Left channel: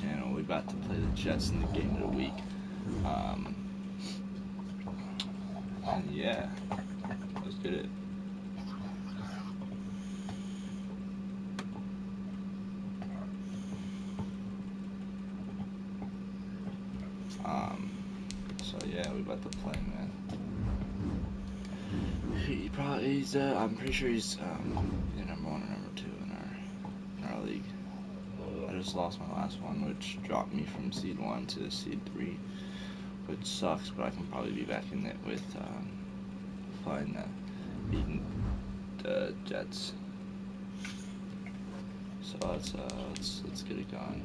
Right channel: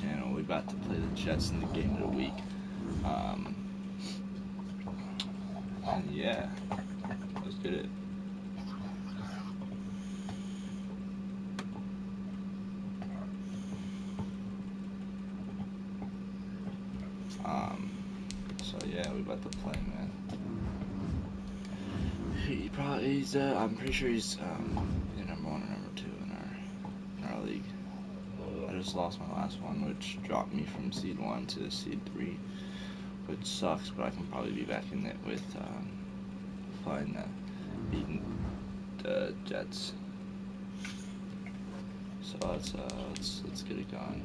channel. We got to play the Jets in the game of the week. And yeah, let's get it. So yeah, we about to play, man. I'm pretty sure he's the number 1 or number 2 in our league. I just lost my last one, which dropped me from seed 1 to seed 3, which sucks. But I can probably be back in it with beating the Jets. So let's get it going.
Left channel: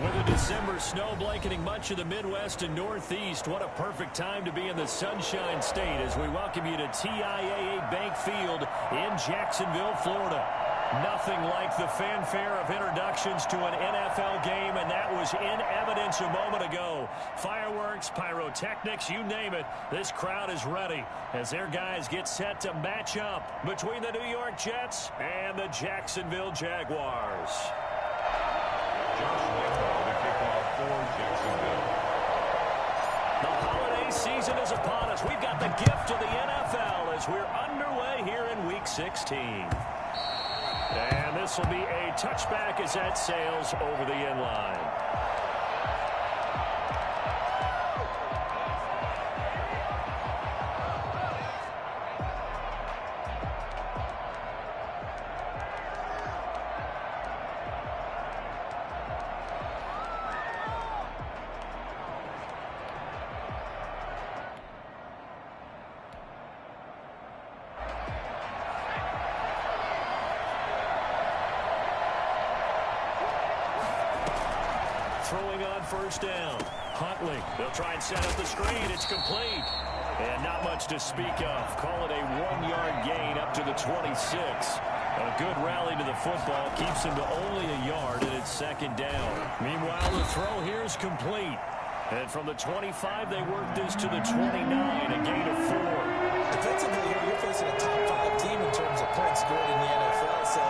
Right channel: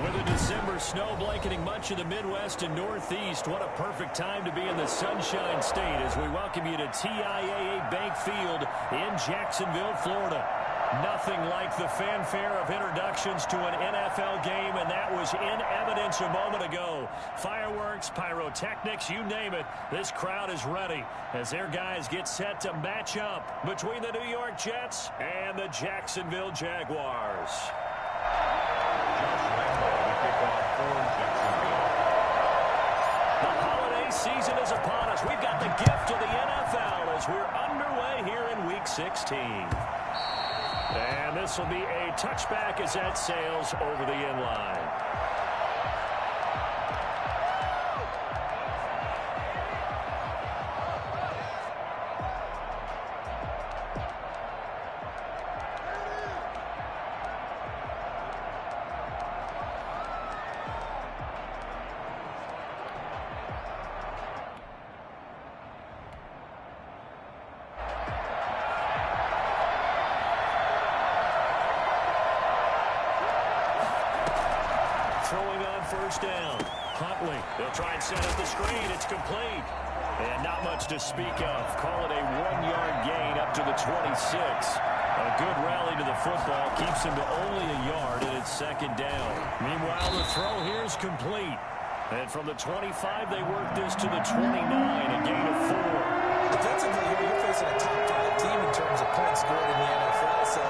With a December snow blanketing much of the Midwest and Northeast, what a perfect time to be in the Sunshine State as we welcome you to TIAA Bank Field in Jacksonville, Florida. Nothing like the fanfare of introductions to an NFL game, and that was in evidence a moment ago. Fireworks, pyrotechnics, you name it, this crowd is ready as their guys get set to match up between the New York Jets and the Jacksonville Jaguars. Josh Langlow, the kickoff for Jacksonville. The holiday season is upon us. We've got the gift of the NFL as we're underway here in Week 16. And this will be a touchback as that sails over the end line. throwing on first down. Huntley, they'll try and set up the screen. It's complete. And not much to speak of. Call it a 1-yard gain up to the 26. A good rally to the football keeps him to only a yard, and it's second down. Meanwhile, the throw here is complete. And from the 25, they work this to the 29, a gain of 4. Defensively here, you're facing a top-5 team in terms of points scored in the NFL. So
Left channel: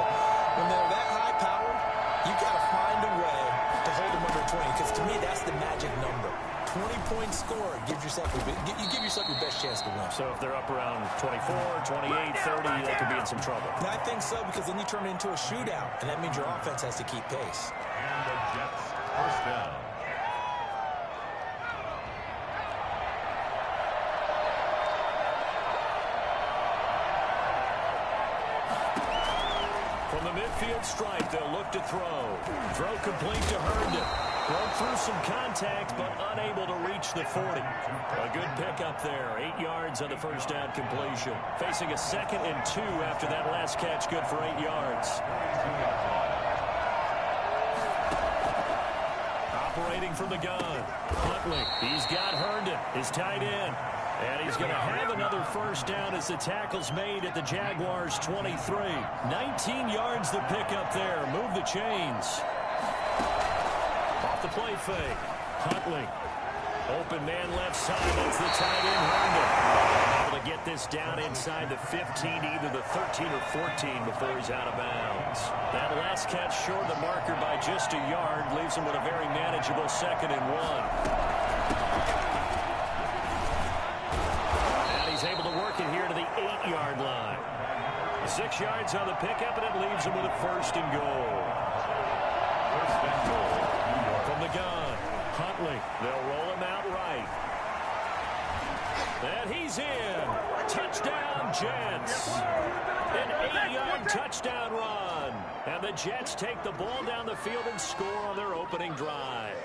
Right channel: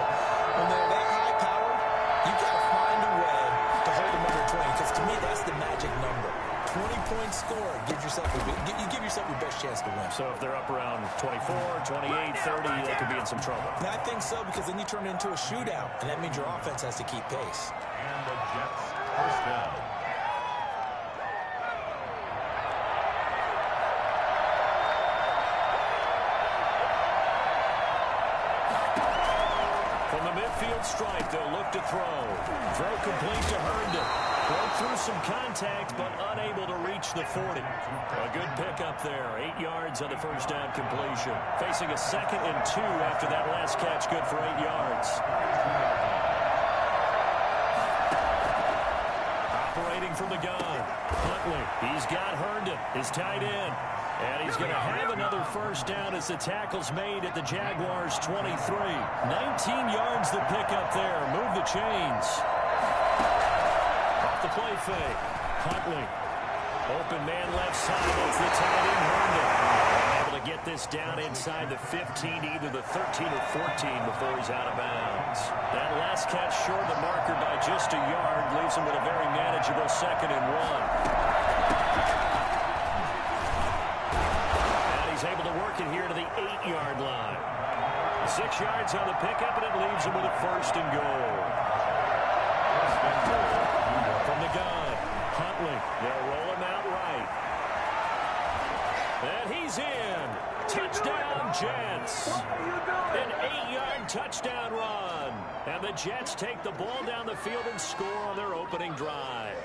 when they're that high-powered, you've got to find a way to hold them under 20. Because to me, that's the magic number. 20 points scored gives yourself you give yourself your best chance to win. So if they're up around 24, 28, 30, they could be in some trouble. And I think so, because then you turn it into a shootout, and that means your offense has to keep pace. And the Jets first down. From the midfield stripe, they'll look to throw. Throw complete to Herndon. Broke through some contact, but unable to reach the 40. A good pickup there. 8 yards on the first down completion. Facing a 2nd and 2 after that last catch. Good for 8 yards. Operating from the gun. Huntley. He's got Herndon, his tight end. And he's going to have another first down as the tackle's made at the Jaguars' 23. 19 yards the pickup there. Move the chains. Off the play fake. Huntley. Open man left side. That's the tight end, Herndon. And able to get this down inside the 15, either the 13 or 14 before he's out of bounds. That last catch short of the marker by just a yard leaves him with a very manageable 2nd and 1. He's able to work it here to the 8-yard line. 6 yards on the pickup, and it leaves him with a 1st and goal. First and goal. From the gun, Huntley. They'll roll him out right. And he's in. Touchdown, Jets. An 8-yard touchdown run. And the Jets take the ball down the field and score on their opening drive.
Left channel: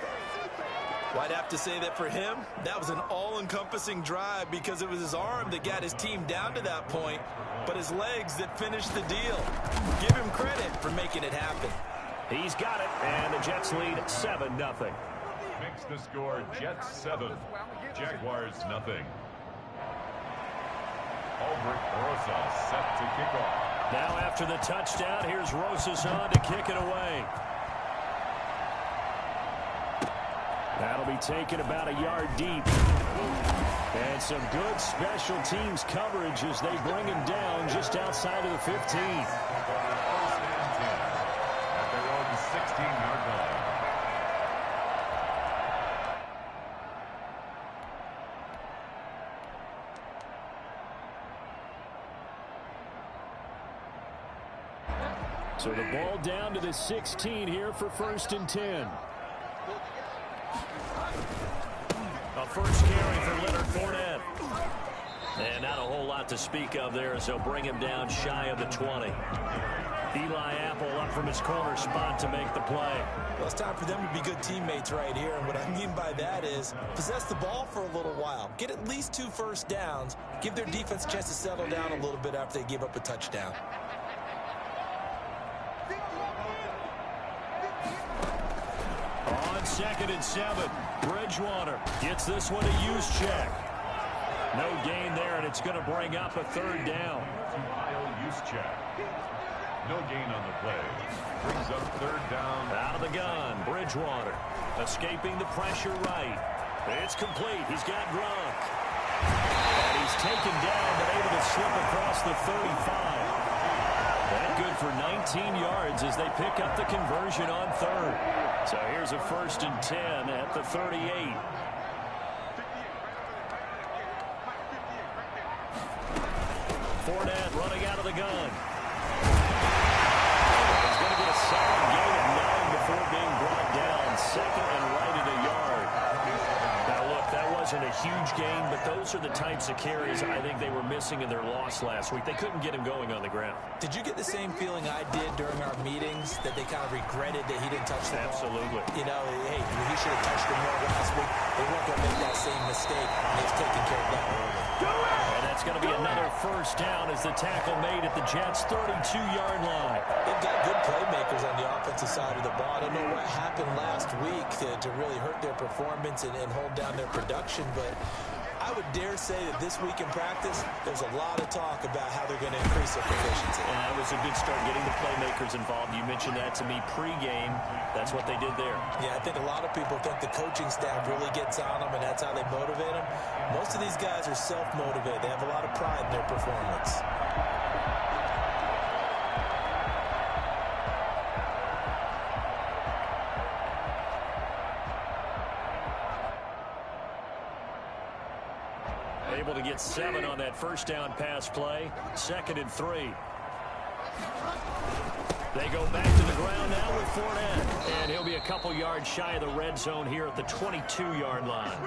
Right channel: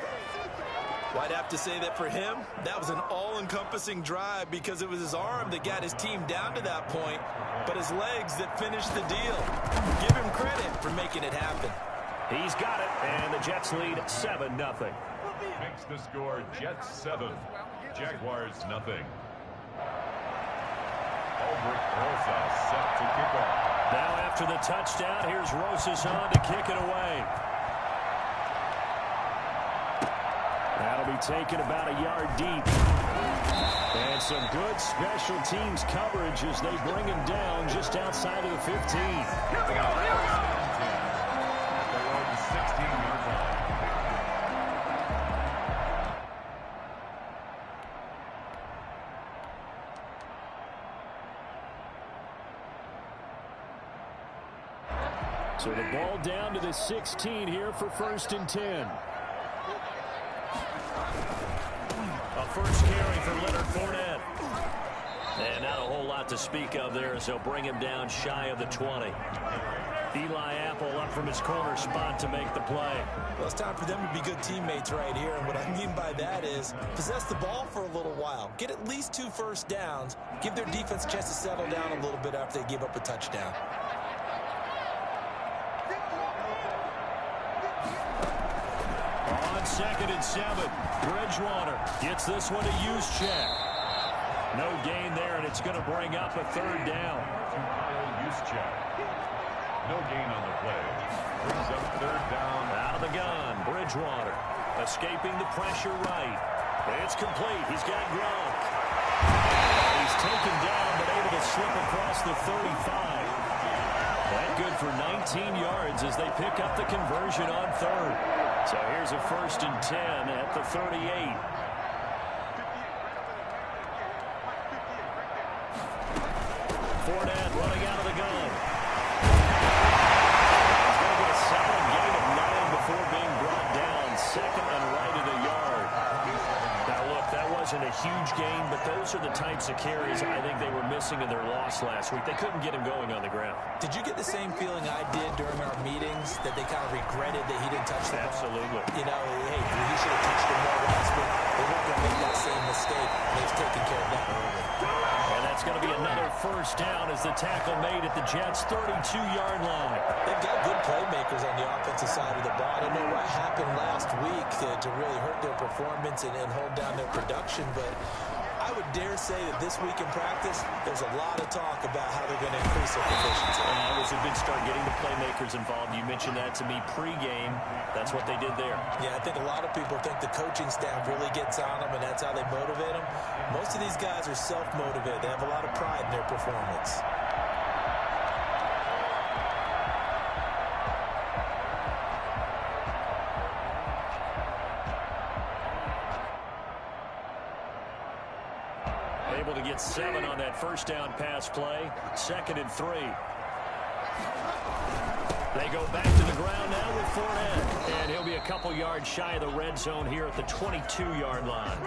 Well, I'd have to say that for him, that was an all-encompassing drive because it was his arm that got his team down to that point, but his legs that finished the deal. Give him credit for making it happen. He's got it, and the Jets lead 7-0. Makes the score Jets 7, Jaguars nothing. Albrecht Rosas set to kick off. Now after the touchdown, here's Rosas on to kick it away. That'll be taken about a yard deep. And some good special teams coverage as they bring him down just outside of the 15. First and 10 at their own 16-yard line. So the ball down to the 16 here for 1st and 10. A first carry for Leonard Fournette. And not a whole lot to speak of there as they'll bring him down shy of the 20. Eli Apple up from his corner spot to make the play. Well, it's time for them to be good teammates right here. And what I mean by that is possess the ball for a little while. Get at least 2 first downs. Give their defense a chance to settle down a little bit after they give up a touchdown. On 2nd and 7, Bridgewater gets this one to use check. No gain there, and it's going to bring up a 3rd down. Kyle Juszczyk. No gain on the play. Brings up 3rd down. Out of the gun, Bridgewater. Escaping the pressure right. It's complete. He's got Gronk. And he's taken down, but able to slip across the 35. That good for 19 yards as they pick up the conversion on 3rd. So here's a 1st and 10 at the 38. Fournette running out of the gun. He's going to get a solid gain of 9 before being brought down. 2nd and right at a yard. Now look, that was wasn't a huge gain, but those are the types of carries I think they were missing in their loss last week. They couldn't get him going on the ground. Did you get the same feeling I did during our meetings, that they kind of regretted that he didn't touch the ball? Absolutely. You know, hey, he should have touched him more last week. They weren't going to make that same mistake, and they've taken care of that early. And that's going to be another first down as the tackle made at the Jets' 32-yard line. They've got good playmakers on the offensive side of the ball. I don't know what happened last week to really hurt their performance and hold down their production, but I would dare say that this week in practice, there's a lot of talk about how they're going to increase their proficiency. That was a good start, getting the playmakers involved. You mentioned that to me pregame. That's what they did there. Yeah, I think a lot of people think the coaching staff really gets on them, and that's how they motivate them. Most of these guys are self-motivated. They have a lot of pride in their performance. Able to get 7 on that first down pass play. 2nd and 3. They go back to the ground now with Fournette. And he'll be a couple yards shy of the red zone here at the 22-yard line.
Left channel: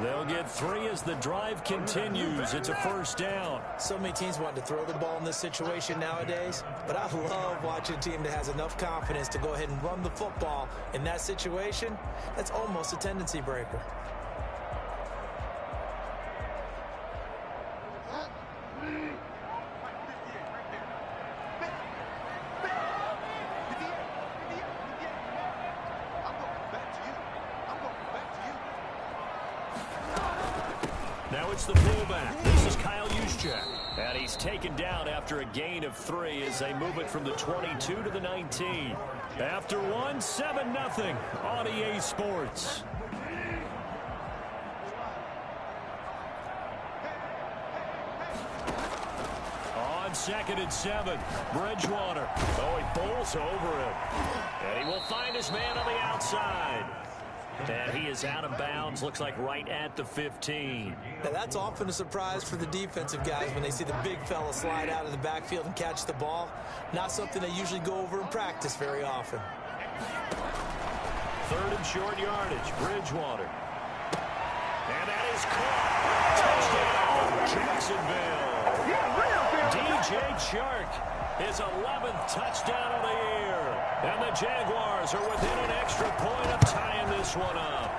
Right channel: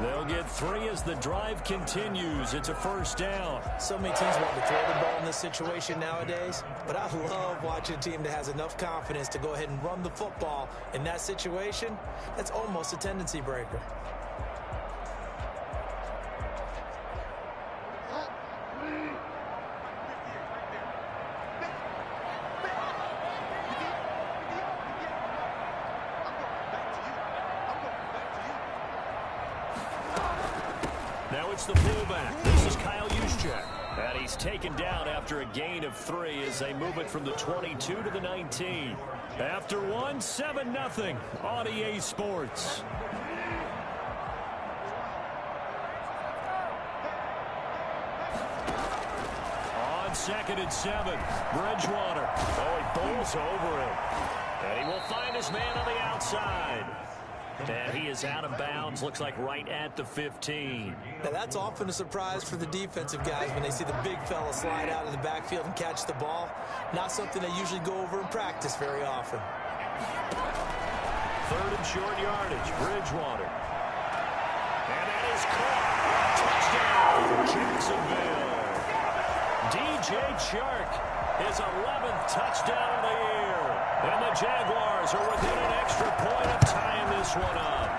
They'll get 3 as the drive continues. It's a first down. So many teams want to throw the ball in this situation nowadays, but I love watching a team that has enough confidence to go ahead and run the football in that situation. That's almost a tendency breaker. Now it's the fullback. This is Kyle Juszczyk. And he's taken down after a gain of 3 as they move it from the 22 to the 19. After 1, 7-0 on EA Sports. On 2nd and 7, Bridgewater. Oh, he bowls over him. And he will find his man on the outside. And he is out of bounds, looks like right at the 15. Now that's often a surprise for the defensive guys when they see the big fella slide out of the backfield and catch the ball. Not something they usually go over in practice very often. 3rd and short yardage, Bridgewater. And that is caught. Touchdown, Jacksonville. DJ Chark, his 11th touchdown of the year. And the Jaguars are within an extra point of tying this one up.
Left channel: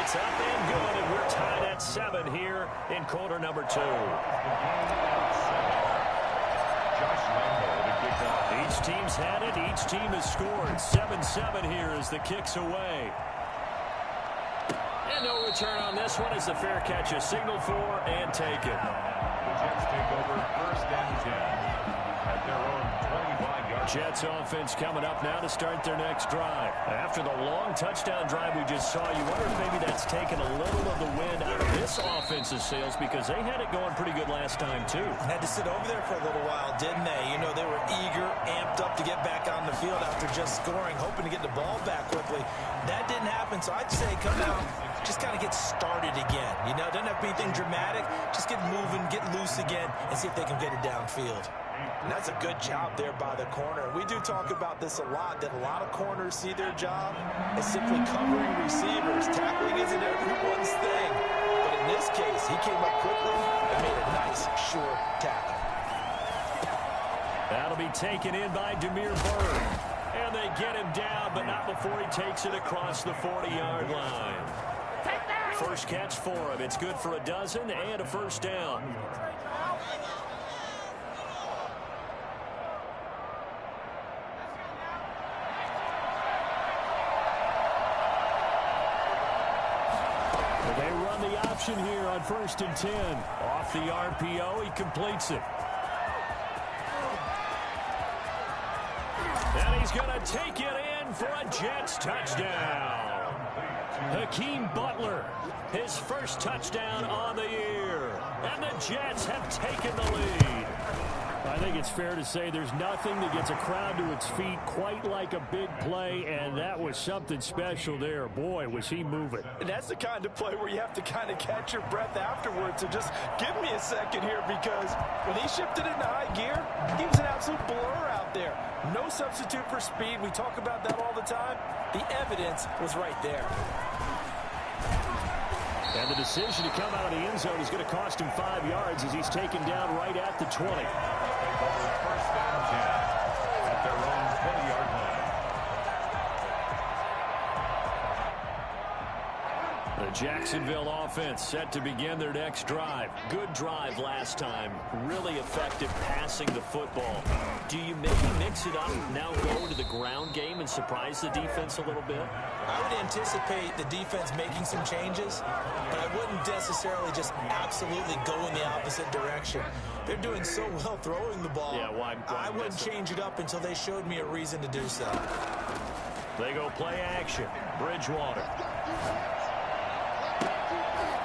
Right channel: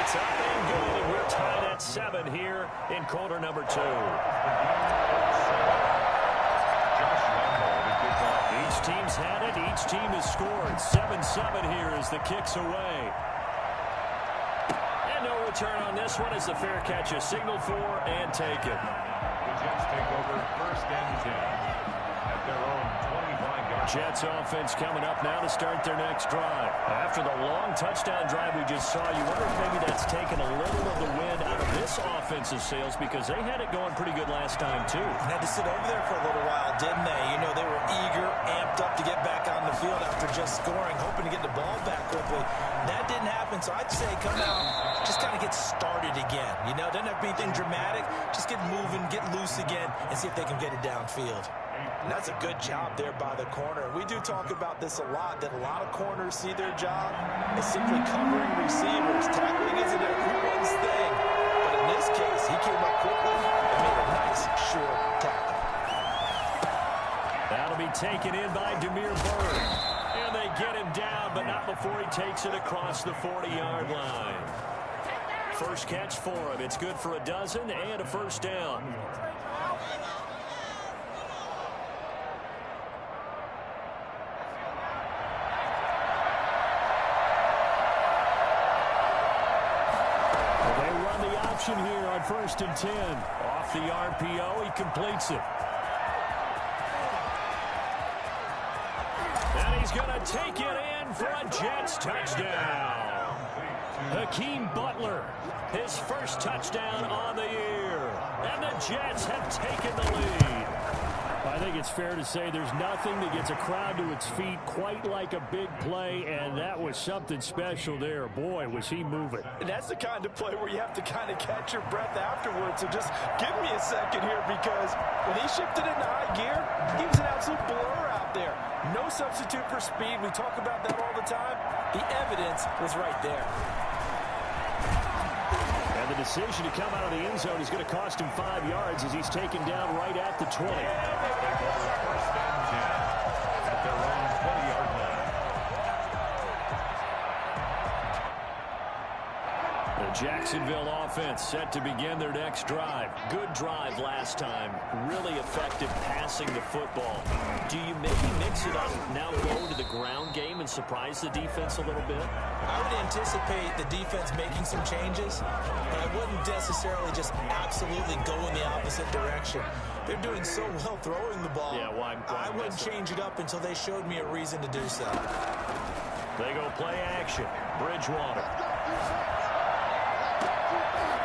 It's up and good, and we're tied at 7 here in quarter number 2. Each team's had it. Each team has scored. 7-7 here as the kick's away. And no return on this one as the fair catch is signaled for and taken. The Jets take over 1st and 10 at their own 25-yard. Jets offense coming up now to start their next drive. After the long touchdown drive we just saw, you wonder if maybe that's taken a little of the wind out of this offense's sails, because they had it going pretty good last time too. Had to sit over there for a little while, didn't they? You know, they were eager, amped up to get back on the field after just scoring, hoping to get the ball back quickly. That didn't happen, so I'd say come out, just kind of get started again. You know, doesn't have to be anything dramatic. Just get moving, get loose again, and see if they can get it downfield. And that's a good job there by the corner. We do talk about this a lot, that a lot of corners see their job as simply covering receivers. Tackling isn't everyone's thing. But in this case, he came up quickly and made a nice, short tackle. That'll be taken in by Demir Bird. And they get him down, but not before he takes it across the 40-yard line. First catch for him. It's good for a dozen and a first down. They run the option here on 1st and 10. Off the RPO, he completes it. And he's going to take it in for a Jets touchdown. Hakeem Butler, his first touchdown on the year. And the Jets have taken the lead. I think it's fair to say there's nothing that gets a crowd to its feet quite like a big play, and that was something special there. Boy, was he moving. And that's the kind of play where you have to kind of catch your breath afterwards. So just give me a second here, because when he shifted into high gear, he was an absolute blur out there. No substitute for speed. We talk about that all the time. The evidence was right there. And the decision to come out of the end zone is going to cost him 5 yards as he's taken down right at the 20. They call it first and 10 at their own 20-yard line. The Jacksonville offense set to begin their next drive. Good drive last time. Really effective passing the football. Do you maybe mix it up, now go to the ground game and surprise the defense a little bit? I would anticipate the defense making some changes, but I wouldn't necessarily just absolutely go in the opposite direction. They're doing so well throwing the ball. Yeah, why I wouldn't change it up until they showed me a reason to do so. They go play action. Bridgewater.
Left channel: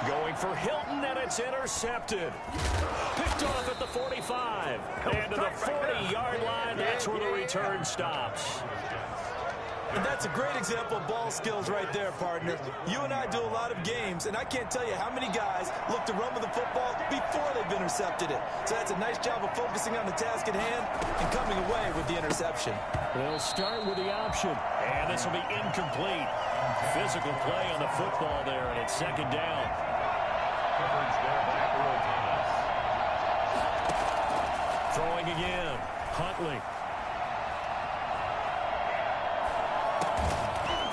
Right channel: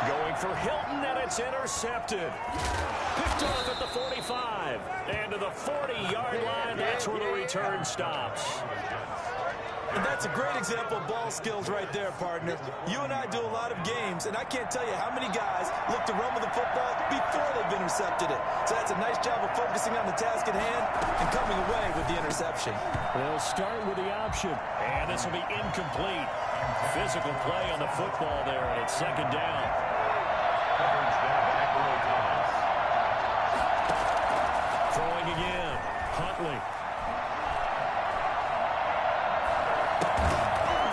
Going for Hilton, and it's intercepted. Picked off at the 45. And to the 40-yard line, that's where the return stops. And that's a great example of ball skills right there, partner. You and I do a lot of games, and I can't tell you how many guys look to run with the football before they've intercepted it. So that's a nice job of focusing on the task at hand and coming away with the interception. They'll start with the option, and this will be incomplete. Physical play on the football there, and it's second down. Coverage there by Earl Thomas. Throwing again. Huntley.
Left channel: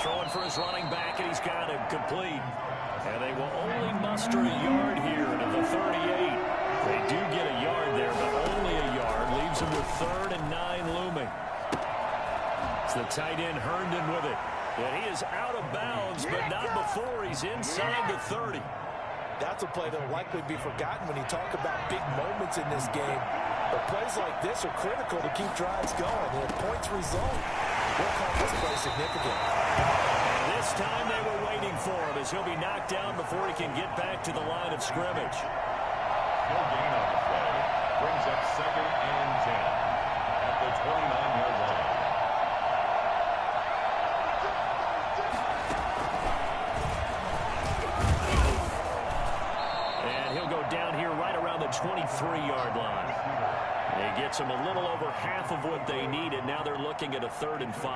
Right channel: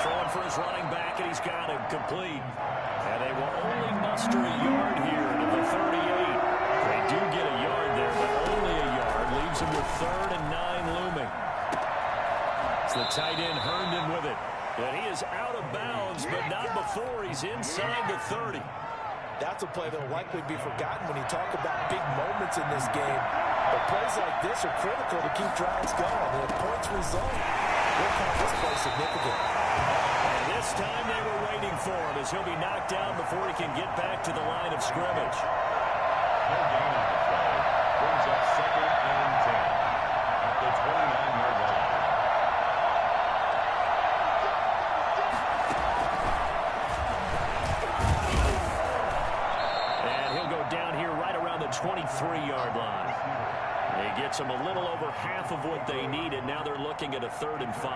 Throwing for his running back, and he's got him complete. And they will only muster a yard here to the 38. They do get a yard there, but only a yard. Leaves them with 3rd and 9 looming. It's the tight end Herndon with it. And he is out of bounds, but not before he's inside the 30. That's a play that will likely be forgotten when you talk about big moments in this game. But plays like this are critical to keep drives going. And if points result, we'll call this play significant. And this time they were waiting for him as he'll be knocked down before he can get back to the line of scrimmage. No gain on the play. Brings up 2nd and 10 at the 29-yard line. Down here right around the 23-yard line. It gets them a little over half of what they needed. Now they're looking at a 3rd and 5.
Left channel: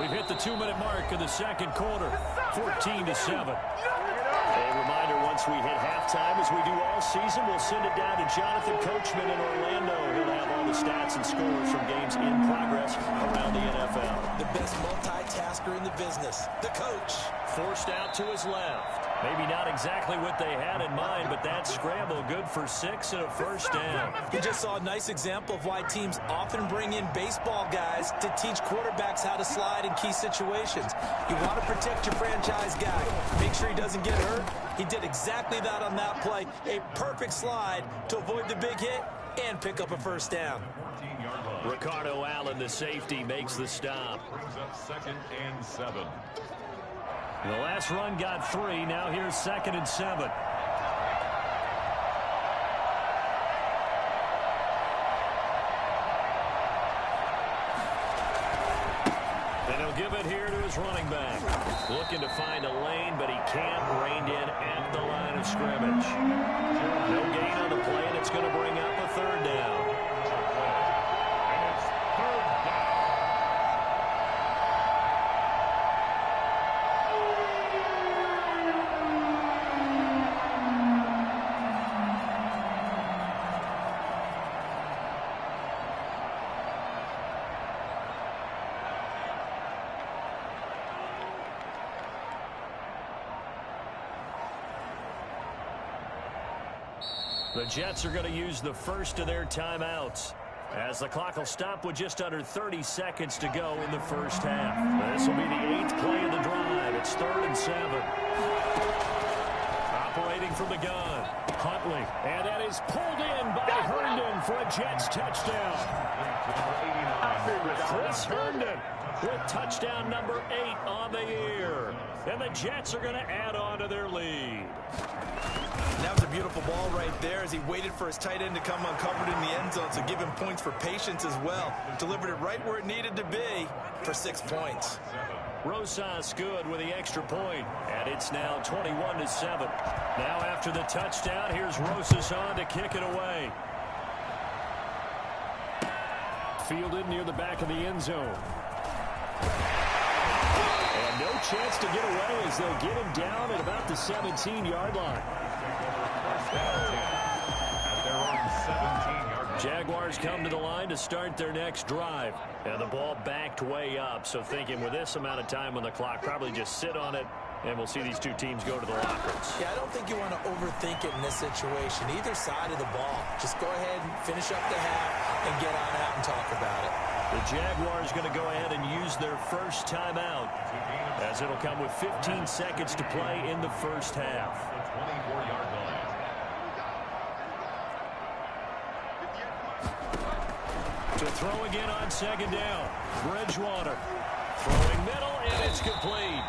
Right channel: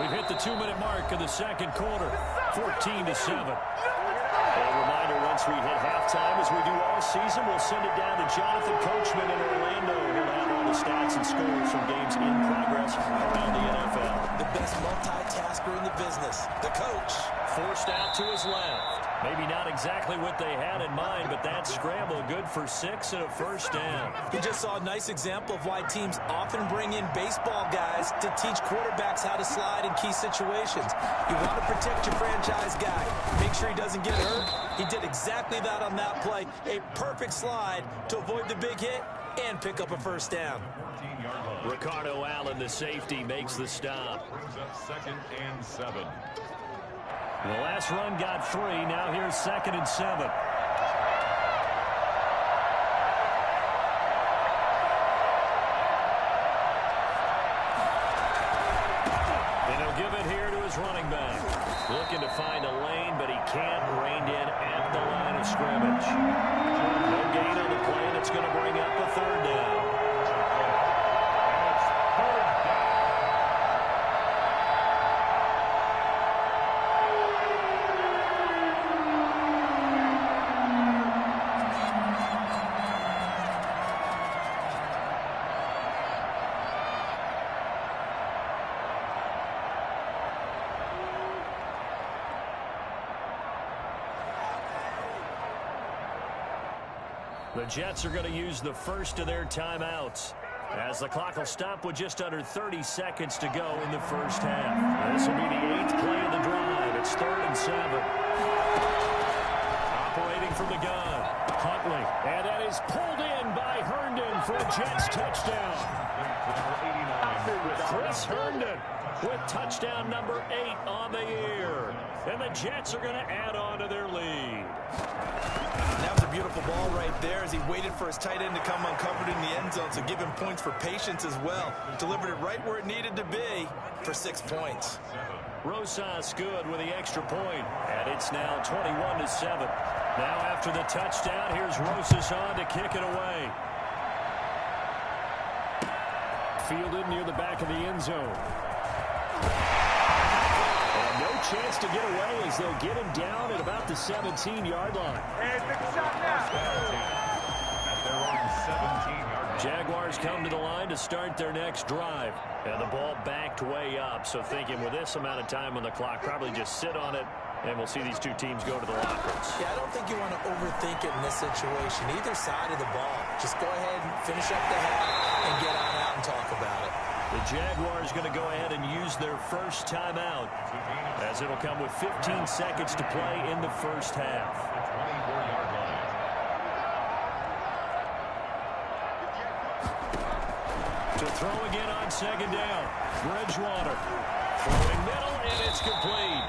We've hit the 2-minute mark of the second quarter. 14-7. A reminder, once we hit halftime, as we do all season, we'll send it down to Jonathan Coachman in Orlando. He'll have all the stats and scores from games in progress around the NFL. The best multitasker in the business, the coach. Forced out to his left. Maybe not exactly what they had in mind, but that scramble good for 6 and a first down. We just saw a nice example of why teams often bring in baseball guys to teach quarterbacks how to slide in key situations. You want to protect your franchise guy. Make sure he doesn't get hurt. He did exactly that on that play. A perfect slide to avoid the big hit and pick up a first down. Ricardo Allen, the safety, makes the stop. Brings up 2nd and 7. The last run got 3. Now here's 2nd and 7. And he'll give it here to his running back. Looking to find a lane, but he can't. Reined in at the line of scrimmage. No gain on the play, and it's going to bring up a 3rd down. And it's 3rd down. The Jets are going to use the first of their timeouts, as the clock will stop with just under 30 seconds to go in the first half. This will be the 8th play of the drive. It's 3rd and 7. Operating from the gun, Huntley. And that is pulled in by Herndon for a Jets touchdown. Chris Herndon with touchdown number 8 on the year. And the Jets are going to add on to their lead. That was a beautiful ball right there as he waited for his tight end to come uncovered in the end zone, so give him points for patience as well. Delivered it right where it needed to be for 6 points. Rosas good with the extra point, and it's now 21-7. Now after the touchdown, here's Rosas on to kick it away. Fielded near the back of the end zone. And no chance to get away as they'll get him down at about the 17-yard line. First down 10 at their own 17-yard line. Jaguars come to the line to start their next drive. And the ball backed way up, so thinking with this amount of time on the clock, probably just sit on it, and we'll see these two teams go to the lockers. Yeah, I don't think you want to overthink it in this situation. Either side of the ball. Just go ahead and finish up the half and get on out and talk about it. The Jaguars going to go ahead and use their first timeout, as it'll come with 15 seconds to play in the first half. The 24-yard line. To throw again on second down. Bridgewater throwing middle, and it's complete.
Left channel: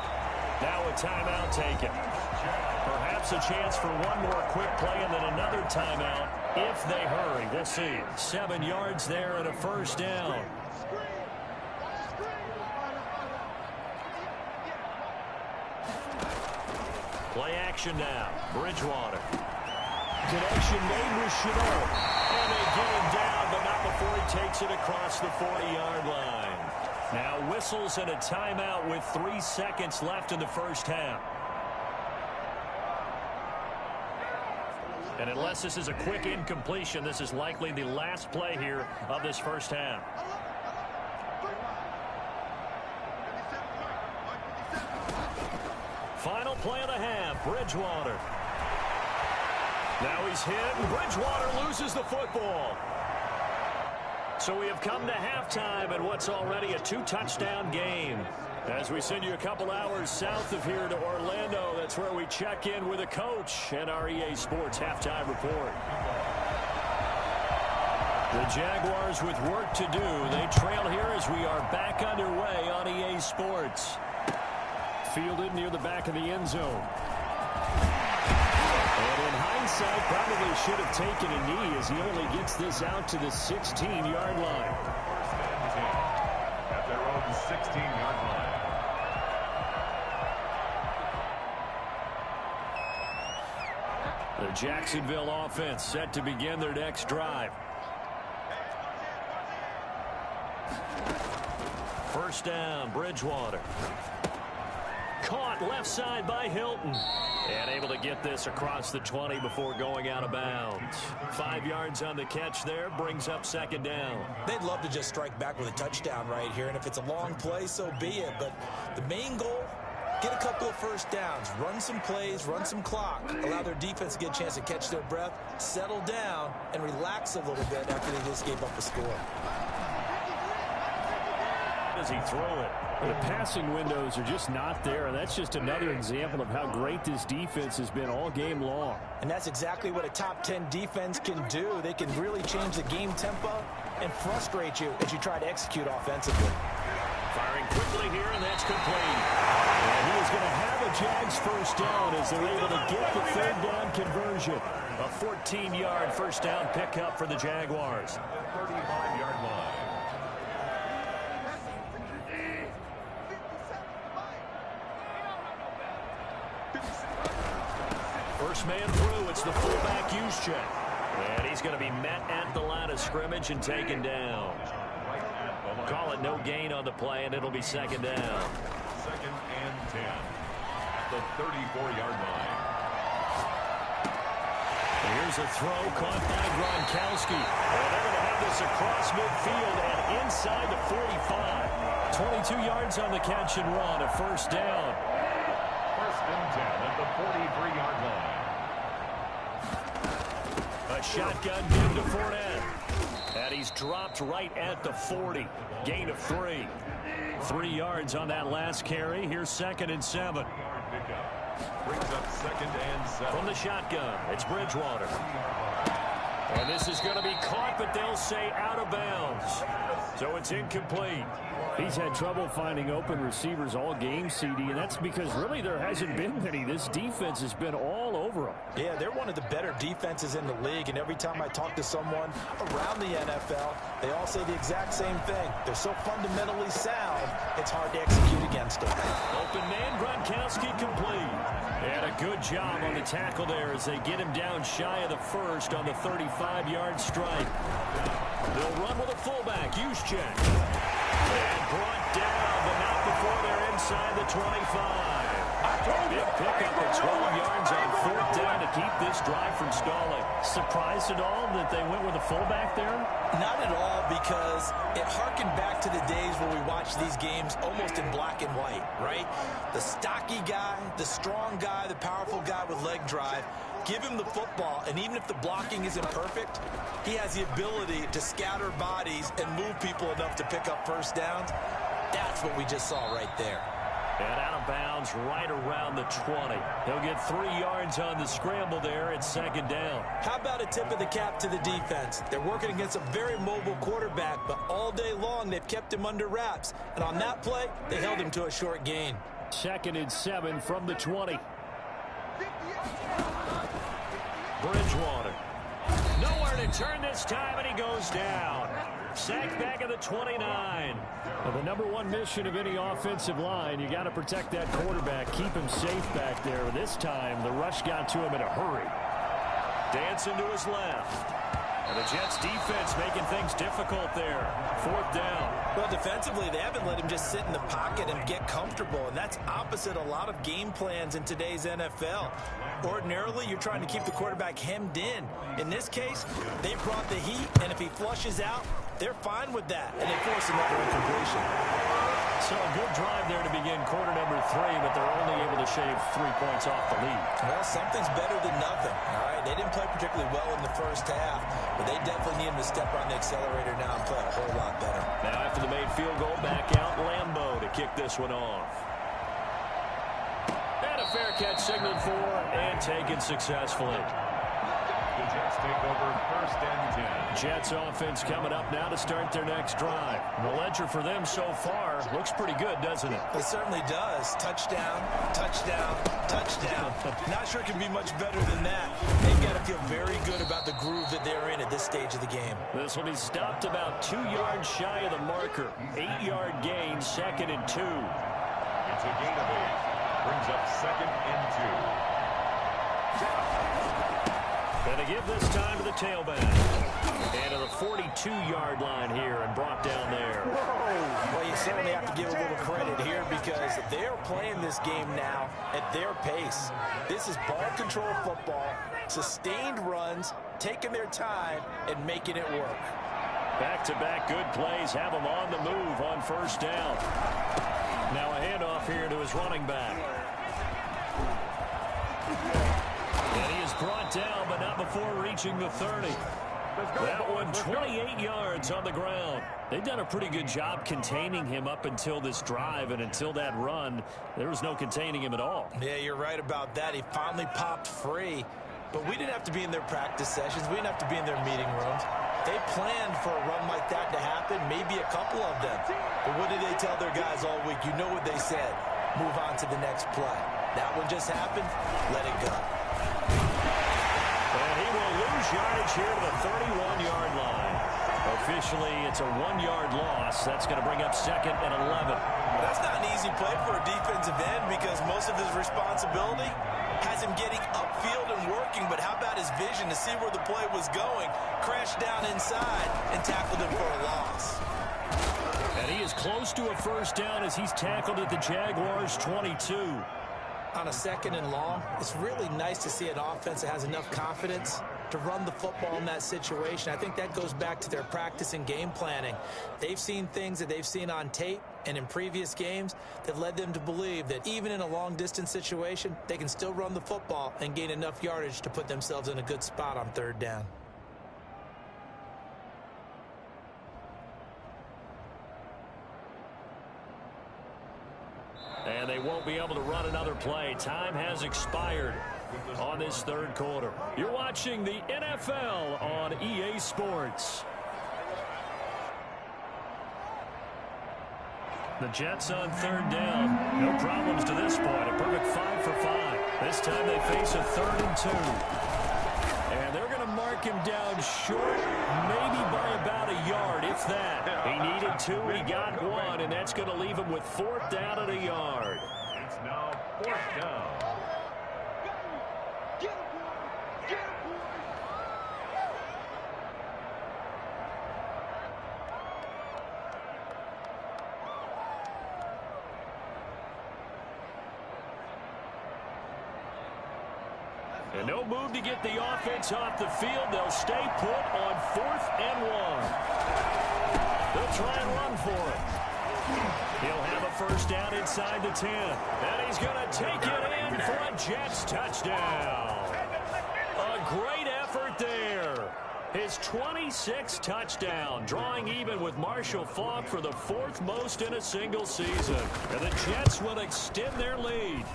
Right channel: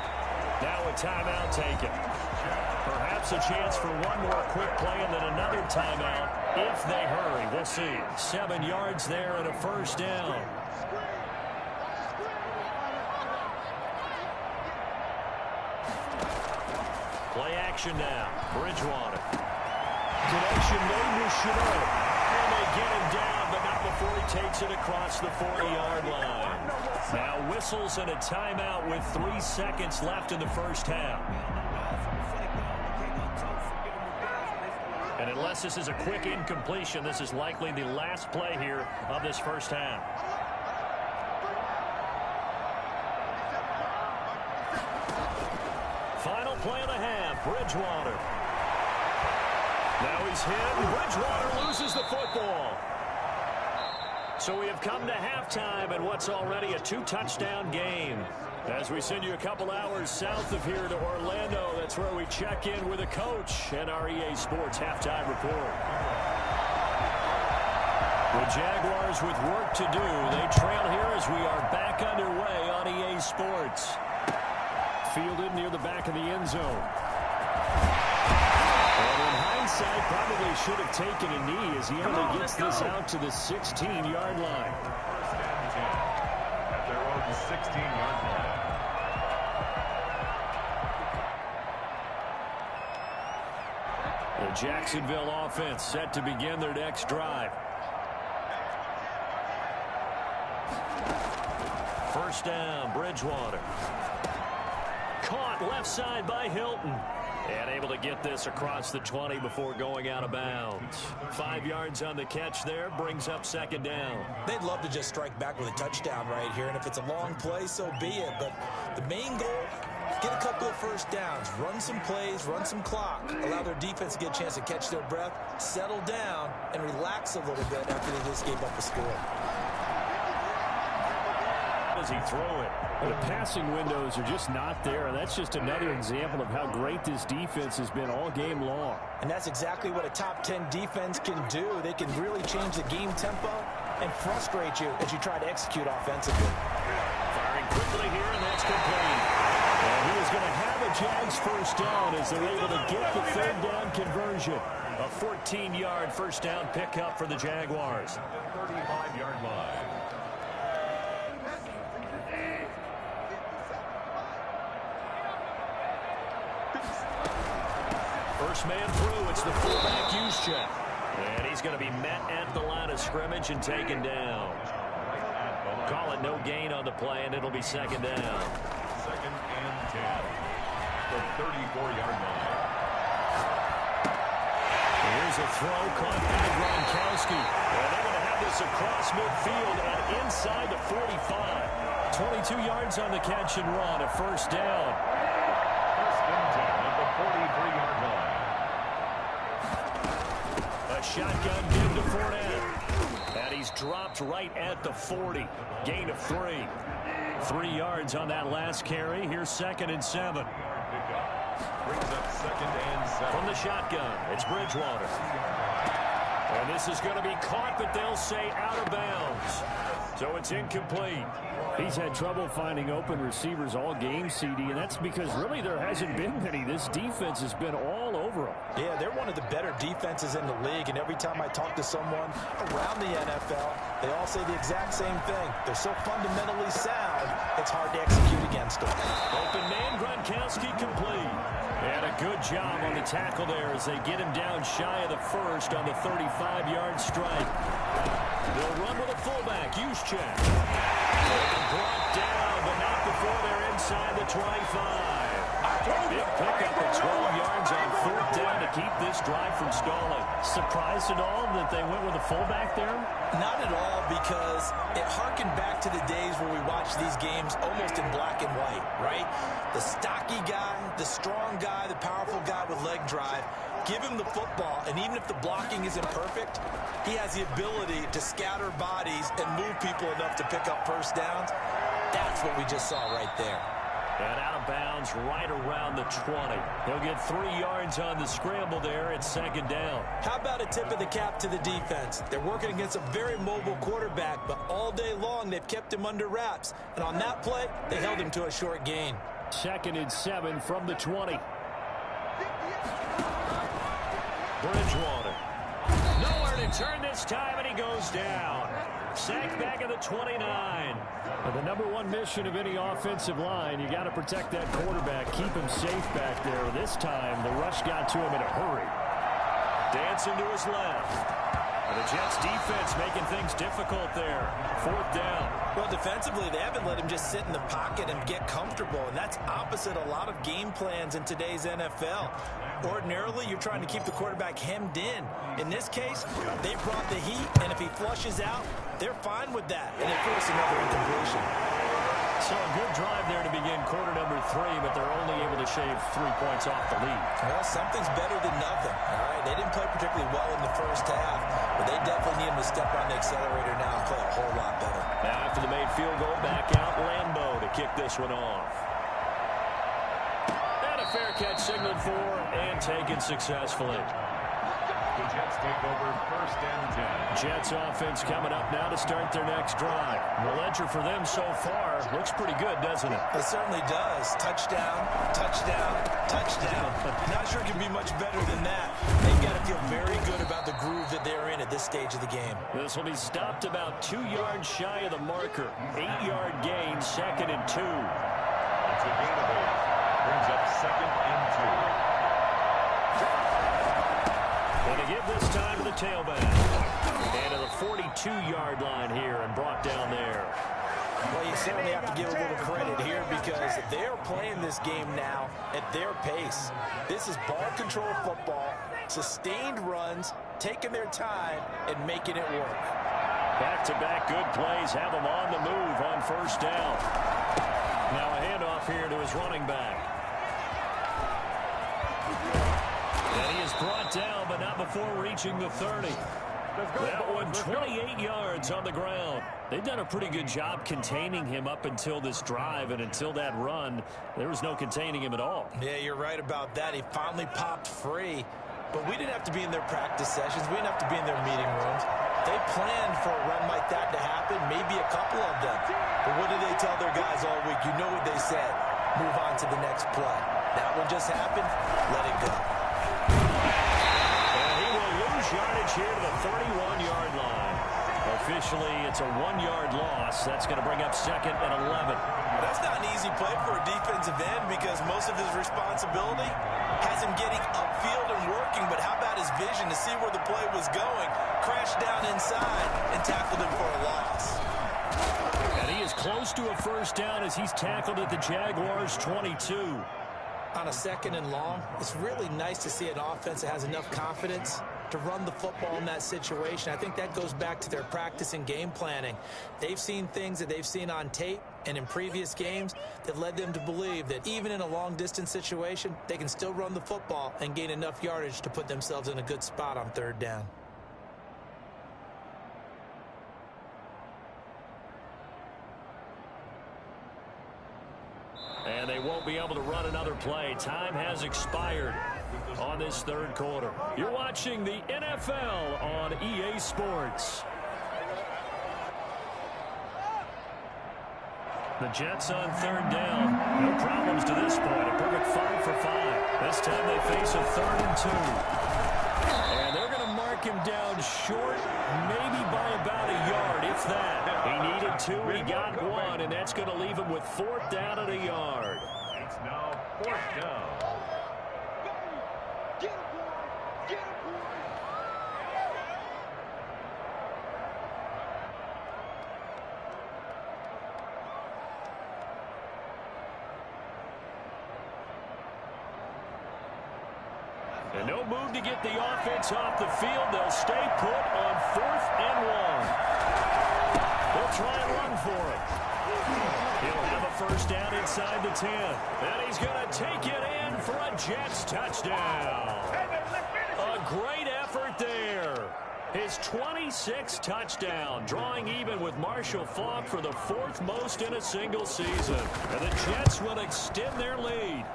Now a timeout taken. Perhaps a chance for one more quick play and then another timeout if they hurry. We'll see. 7 yards there and a first down. Play action now. Bridgewater. Connection made with Chenault. And they get him down, but not before he takes it across the 40-yard line. Now whistles and a timeout with 3 seconds left in the first half. And unless this is a quick incompletion, this is likely the last play here of this first half. Final play of the half, Bridgewater. Now he's hit, and Bridgewater loses the football. So we have come to halftime in what's already a 2-touchdown game. As we send you a couple hours south of here to Orlando, that's where we check in with a coach and our EA Sports halftime report. The Jaguars with work to do. They trail here as we are back underway on EA Sports. Fielded near the back of the end zone. And in hindsight, probably should have taken a knee as he only gets this out to the 16-yard line. First and 10 at their own 16-yard line. The Jacksonville offense set to begin their next drive. First down, Bridgewater. Caught left side by Hilton. And able to get this across the 20 before going out of bounds. 5 yards on the catch there, brings up second down. They'd love to just strike back with a touchdown right here, and if it's a long play, so be it. But the main goal, get a couple of first downs, run some plays, run some clock, allow their defense to get a chance to catch their breath, settle down, and relax a little bit after they just gave up a score. As he throw it. The passing windows are just not there, and that's just another example of how great this defense has been all game long. And that's exactly what a top 10 defense can do. They can really change the game tempo and frustrate you as you try to execute offensively. Firing quickly here, and that's complete. And he is going to have a Jags first down as they're able to get the third down conversion. A 14-yard first down pickup for the Jaguars. The 35-yard line. First man through, it's the fullback Juszczyk. And he's going to be met at the line of scrimmage and taken down. Call it no gain on the play, and it'll be second down. Second and 10 at the 34-yard line. Here's a throw caught by Gronkowski. And they're going to have this across midfield and inside the 45. 22 yards on the catch and run, a first down. First and 10 at the 43-yard line. A shotgun give to Fournette. And he's dropped right at the 40. Gain of 3. 3 yards on that last carry. Here's second and 7. Brings up second and 7. From the shotgun, it's Bridgewater. And this is going to be caught, but they'll say out of bounds. So it's incomplete. He's had trouble finding open receivers all game, CD, and that's because really there hasn't been many. This defense has been all over him. Yeah, they're one of the better defenses in the league, and every time I talk to someone around the NFL, they all say the exact same thing. They're so fundamentally sound, it's hard to execute against them. Open man, Gronkowski complete. And a good job on the tackle there as they get him down shy of the first on the 35-yard strike. They'll run with a fullback, Juszczyk. And brought down, but not before they're inside the 25. Big pickup at 12 yards on 4th down to keep this drive from stalling. Surprised at all that they went with a fullback there? Not at all, because it harkened back to the days where we watched these games almost in black and white, right? The stocky guy, the strong guy, the powerful guy with leg drive. Give him the football, and even if the blocking isn't perfect, he has the ability to scatter bodies and move people enough to pick up first downs. That's what we just saw right there. And out of bounds right around the 20. He'll get 3 yards on the scramble there at 2nd down. How about a tip of the cap to the defense? They're working against a very mobile quarterback, but all day long they've kept him under wraps. And on that play, they held him to a short gain. 2nd and 7 from the 20. Bridgewater. Nowhere to turn this time, and he goes down. Sacked back at the 29. Well, the number one mission of any offensive line, you got to protect that quarterback, keep him safe back there. This time, the rush got to him in a hurry. Dancing to his left. And the Jets defense making things difficult there. 4th down. Well, defensively, they haven't let him just sit in the pocket and get comfortable, and that's opposite a lot of game plans in today's NFL. Ordinarily, you're trying to keep the quarterback hemmed in. In this case, they brought the heat, and if he flushes out, they're fine with that, and they force another incompletion. So a good drive there to begin quarter number 3, but they're only able to shave 3 points off the lead. Well, something's better than nothing, all right? They didn't play particularly well in the first half, but they definitely need him to step on the accelerator now and play a whole lot better. Now after the made field goal, back out Lambeau to kick this one off. And a fair catch signaled for and taken successfully. The Jets take over 1st and 10. Jets offense coming up now to start their next drive. The ledger for them so far looks pretty good, doesn't it? It certainly does. Touchdown, touchdown, touchdown. Not sure it can be much better than that. They've got to feel very good about the groove that they're in at this stage of the game. This will be stopped about 2 yards shy of the marker. 8-yard gain, 2nd and 2. It's a gain of 8. Brings up 2nd and 2. And to give this time to the tailback. And to the 42-yard line here and brought down there. Well, you certainly have to give a little credit here because they're playing this game now at their pace. This is ball control football, sustained runs, taking their time, and making it work. Back-to-back good plays have him on the move on 1st down. Now a handoff here to his running back. And he is brought down, but not before reaching the 30. That one, 28 yards on the ground. They've done a pretty good job containing him up until this drive, and until that run, there was no containing him at all. Yeah, you're right about that. He finally popped free. But we didn't have to be in their practice sessions. We didn't have to be in their meeting rooms. They planned for a run like that to happen, maybe a couple of them. But what did they tell their guys all week? You know what they said. Move on to the next play. That one just happened. Let it go. And he will lose yardage here to the 31-yard line. Officially, it's a 1-yard loss. That's going to bring up 2nd and 11. That's not an easy play for a defensive end because most of his responsibility has him getting upfield and working. But how about his vision to see where the play was going? Crashed down inside and tackled him for a loss. And he is close to a 1st down as he's tackled at the Jaguars' 22. On a 2nd and long, it's really nice to see an offense that has enough confidence to run the football in that situation. I think that goes back to their practice and game planning. They've seen things that they've seen on tape and in previous games that led them to believe that even in a long-distance situation, they can still run the football and gain enough yardage to put themselves in a good spot on 3rd down. And they won't be able to run another play. Time has expired on this 3rd quarter. You're watching the NFL on EA Sports. The Jets on 3rd down. No problems to this point. A perfect 5 for 5. This time they face a 3rd and 2. And they're going to mark him down short, maybe by about a yard, if that. He needed 2, he got 1, and that's going to leave him with 4th down and a yard. It's now 4th down. And no move to get the offense off the field. They'll stay put on 4th and 1. They'll try and run for it. He'll have a first down inside the 10. And he's going to take it in for a Jets touchdown. A great effort there. His 26th touchdown, drawing even with Marshall Faulk for the 4th most in a single season. And the Jets will extend their lead.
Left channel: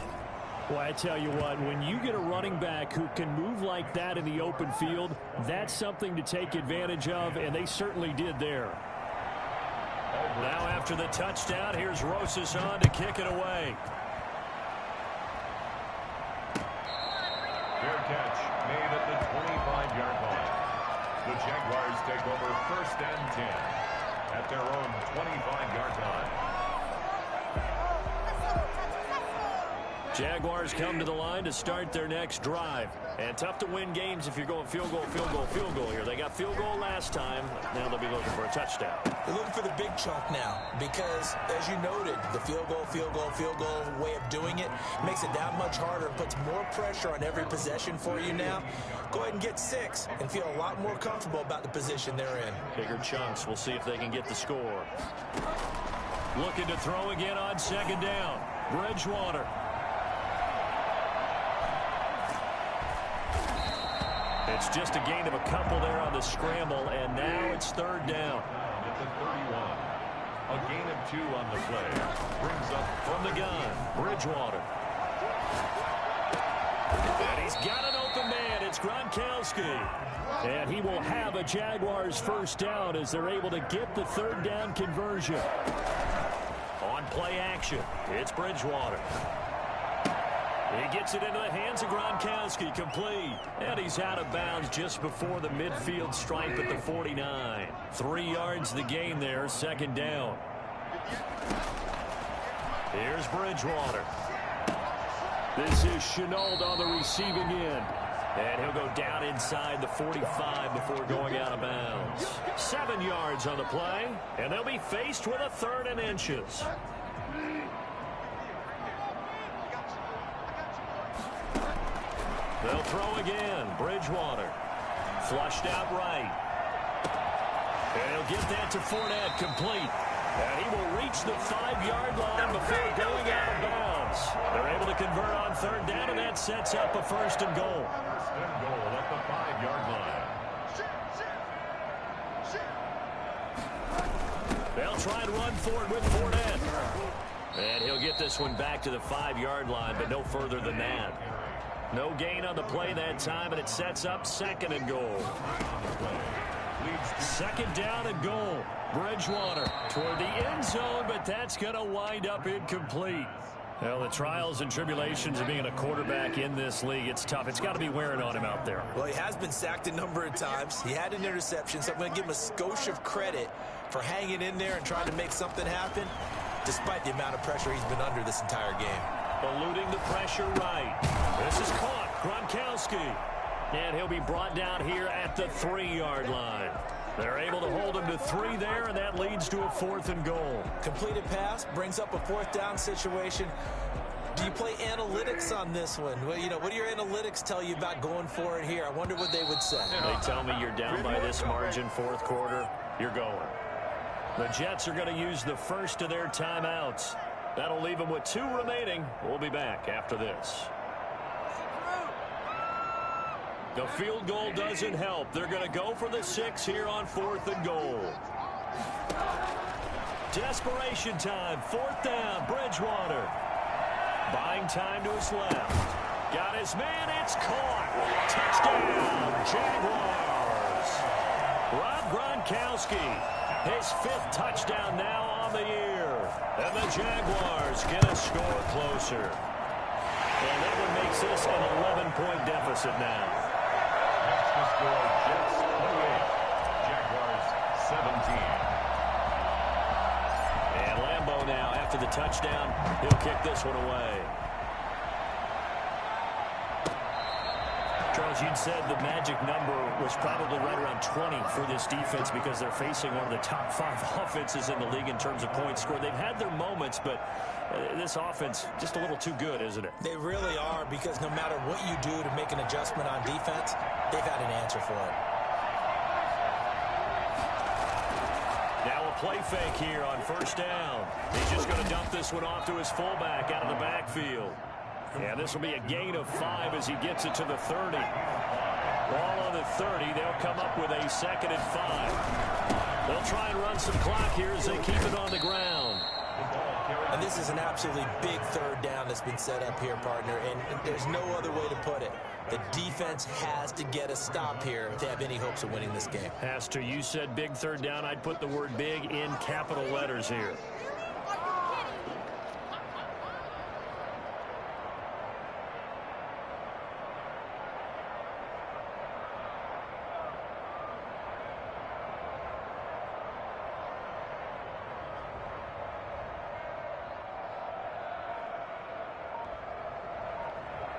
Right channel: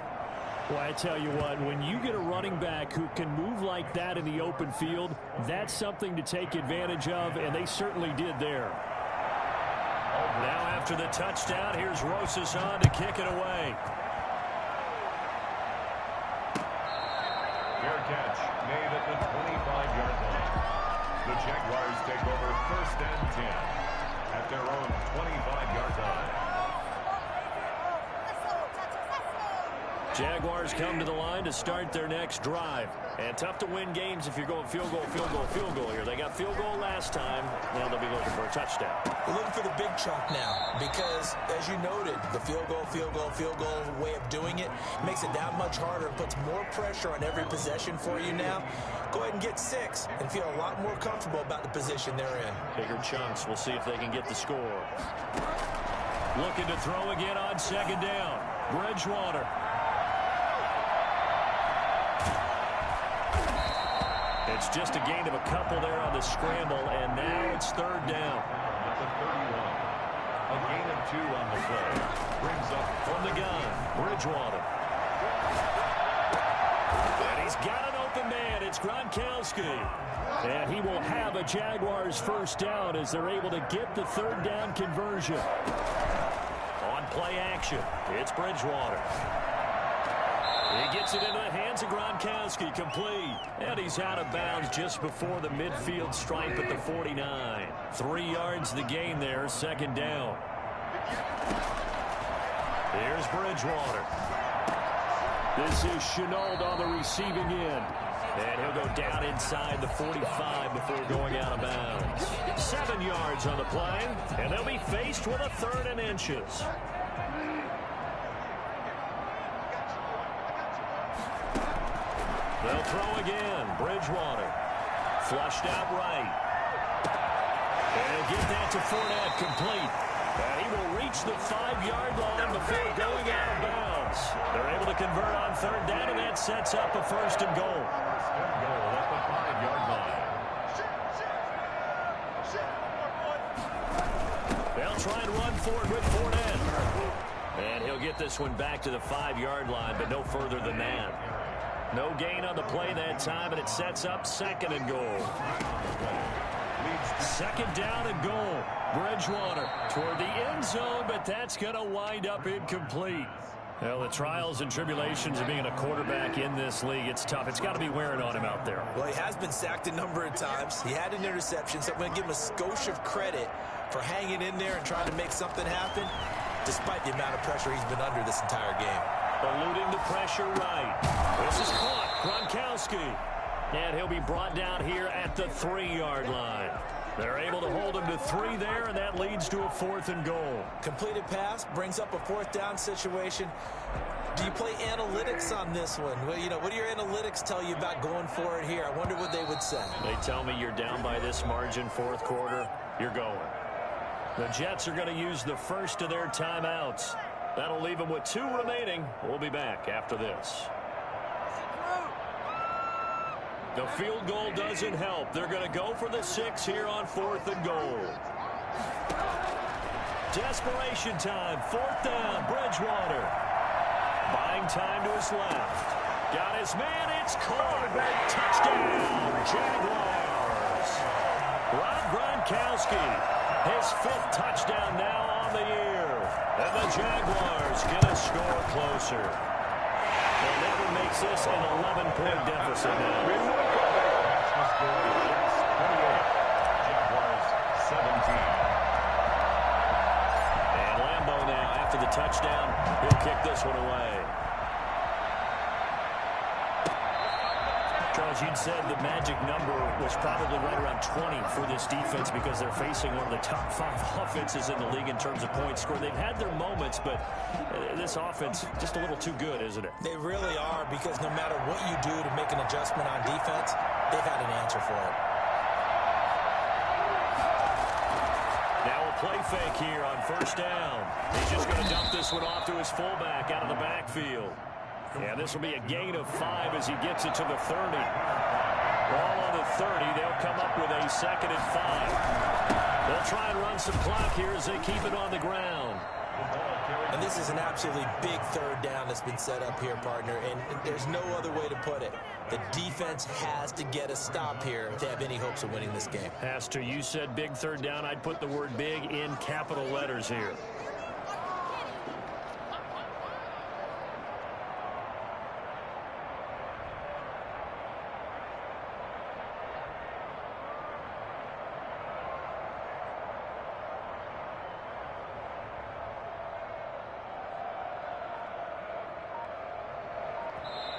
Well, I tell you what, when you get a running back who can move like that in the open field, that's something to take advantage of, and they certainly did there. Now after the touchdown, here's Rosas on to kick it away. Fair catch made at the 25-yard line. The Jaguars take over 1st and 10 at their own 25-yard line. Jaguars come to the line to start their next drive. And tough to win games if you're going field goal, field goal, field goal here. They got field goal last time. Now they'll be looking for a touchdown. They're looking for the big chunk now because, as you noted, the field goal way of doing it makes it that much harder and puts more pressure on every possession for you now. Go ahead and get 6 and feel a lot more comfortable about the position they're in. Bigger chunks. We'll see if they can get the score. Looking to throw again on 2nd down. Bridgewater. It's just a gain of a couple there on the scramble, and now it's 3rd down. At the 31. A gain of 2 on the play. Brings up From the gun, Bridgewater. And he's got an open man. It's Gronkowski. And he will have a Jaguars first down as they're able to get the 3rd down conversion. On play action, it's Bridgewater. He gets it into the hands of Gronkowski, complete. And he's out of bounds just before the midfield stripe at the 49. 3 yards the gain there, 2nd down. Here's Bridgewater. This is Chenault on the receiving end. And he'll go down inside the 45 before going out of bounds. 7 yards on the play, and they'll be faced with a 3rd and inches. They'll throw again. Bridgewater. Flushed out right. And he'll get that to Fournette, complete. And he will reach the 5-yard line before going out of bounds. They're able to convert on 3rd down, and that sets up a 1st and goal. 1st and goal at the 5-yard line. They'll try and run forward with Fournette. And he'll get this one back to the 5-yard line, but no further than that. No gain on the play that time, and it sets up 2nd and goal. 2nd down and goal. Bridgewater toward the end zone, but that's going to wind up incomplete. Well, the trials and tribulations of being a quarterback in this league, it's tough. It's got to be wearing on him out there. Well, he has been sacked a number of times. He had an interception, so I'm going to give him a skosh of credit for hanging in there and trying to make something happen, despite the amount of pressure he's been under this entire game. Eluding the pressure right. This is caught. Gronkowski. And he'll be brought down here at the 3-yard line. They're able to hold him to 3 there, and that leads to a 4th and goal. Completed pass brings up a 4th down situation. Do you play analytics on this one? Well, you know, what do your analytics tell you about going for it here? I wonder what they would say. They tell me you're down by this margin 4th quarter, you're going. The Jets are going to use the first of their timeouts. That'll leave them with 2 remaining. We'll be back after this. The field goal doesn't help. They're going to go for the 6 here on 4th and goal. Desperation time. 4th down. Bridgewater. Buying time to his left. Got his man. It's caught. Touchdown, Jaguars. Rob Gronkowski. His 5th touchdown now on the year. And the Jaguars get a score closer. And that one makes this an 11-point deficit now. That's the score. Jets 28. Jaguars 17. And Lambeau now, after the touchdown, he'll kick this one away. Charles, you'd said the magic number was probably right around 20 for this defense because they're facing one of the top 5 offenses in the league in terms of points scored. They've had their moments, but this offense just a little too good, isn't it? They really are, because no matter what you do to make an adjustment on defense, they've had an answer for it. Now a play fake here on first down. He's just going to dump this one off to his fullback out of the backfield. Yeah, this will be a gain of 5 as he gets it to the 30. Ball on the 30. They'll come up with a 2nd and 5. They'll try and run some clock here as they keep it on the ground. And this is an absolutely big 3rd down that's been set up here, partner, and there's no other way to put it. The defense has to get a stop here to have any hopes of winning this game. Has to. You said big 3rd down. I'd put the word big in capital letters here.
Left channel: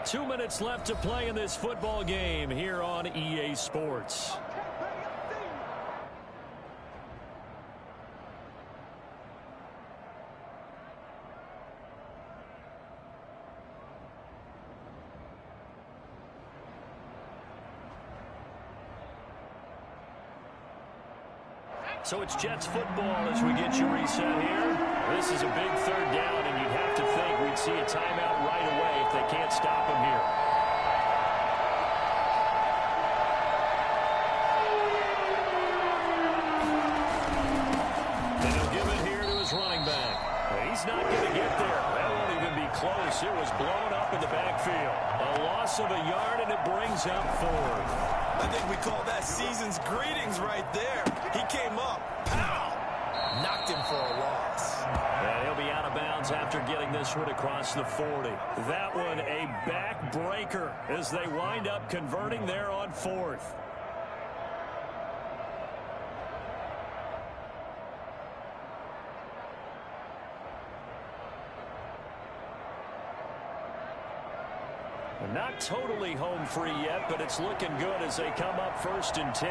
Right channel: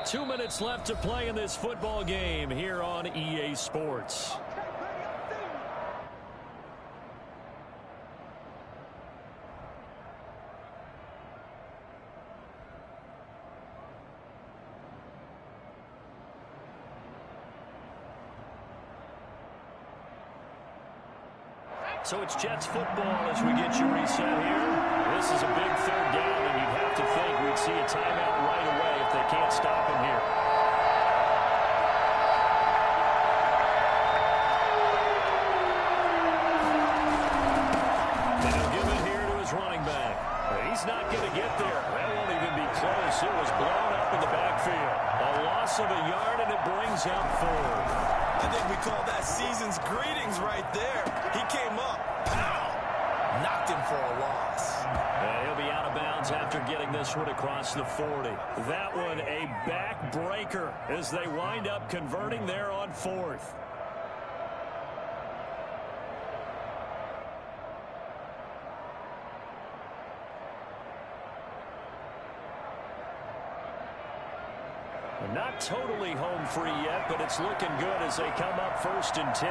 Two minutes left to play in this football game here on EA Sports. So it's Jets football as we get you reset here. This is a big 3rd down, and you'd have to think we'd see a timeout right away if they can't stop him here. And he'll give it here to his running back. He's not going to get there. That won't even be close. It was blown up in the backfield. A loss of a yard, and it brings up 4. I think we call that season's greetings right there. He came up, pow, knocked him for a loss. And he'll be out of bounds after getting this one across the 40. That one a backbreaker as they wind up converting there on 4th. Not totally home free yet, but it's looking good as they come up 1st and 10.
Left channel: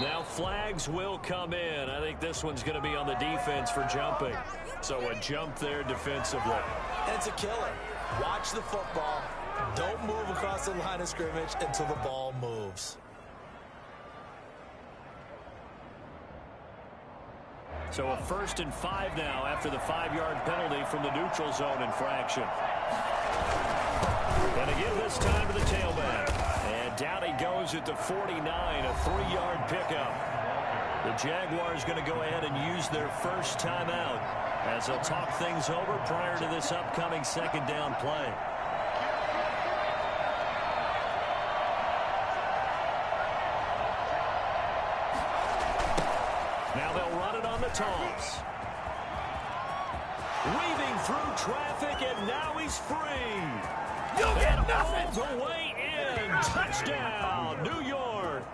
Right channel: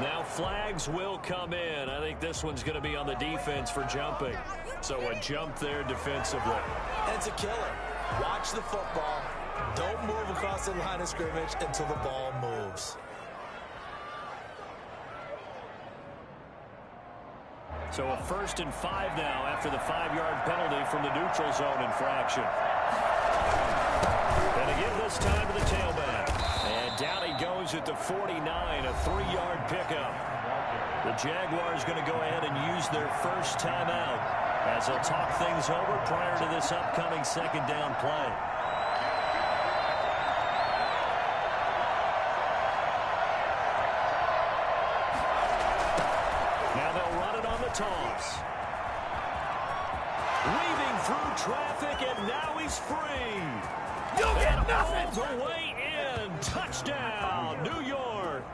Now flags will come in. I think this one's going to be on the defense for jumping. So a jump there defensively. And it's a killer. Watch the football. Don't move across the line of scrimmage until the ball moves. So a 1st and 5 now after the 5-yard penalty from the neutral zone infraction. And again this time to the tailback. And down he goes at the 49, a 3-yard pickup. The Jaguars going to go ahead and use their first timeout as they'll talk things over prior to this upcoming 2nd down play. Now they'll run it on the toss. Weaving through traffic, and now he's free. You'll get nothing. All the way in. Touchdown, New York.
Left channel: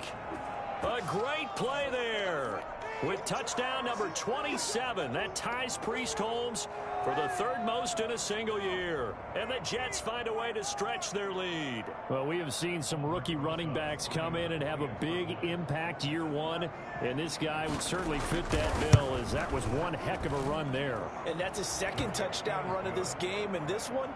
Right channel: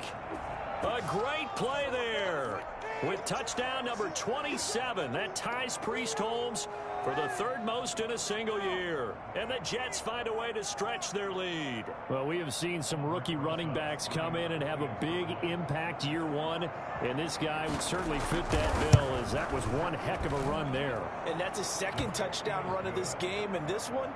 A great play there. With touchdown number 27, that ties Priest Holmes for the 3rd most in a single year. And the Jets find a way to stretch their lead. Well, we have seen some rookie running backs come in and have a big impact year 1. And this guy would certainly fit that bill, as that was one heck of a run there. And that's his 2nd touchdown run of this game. And this one,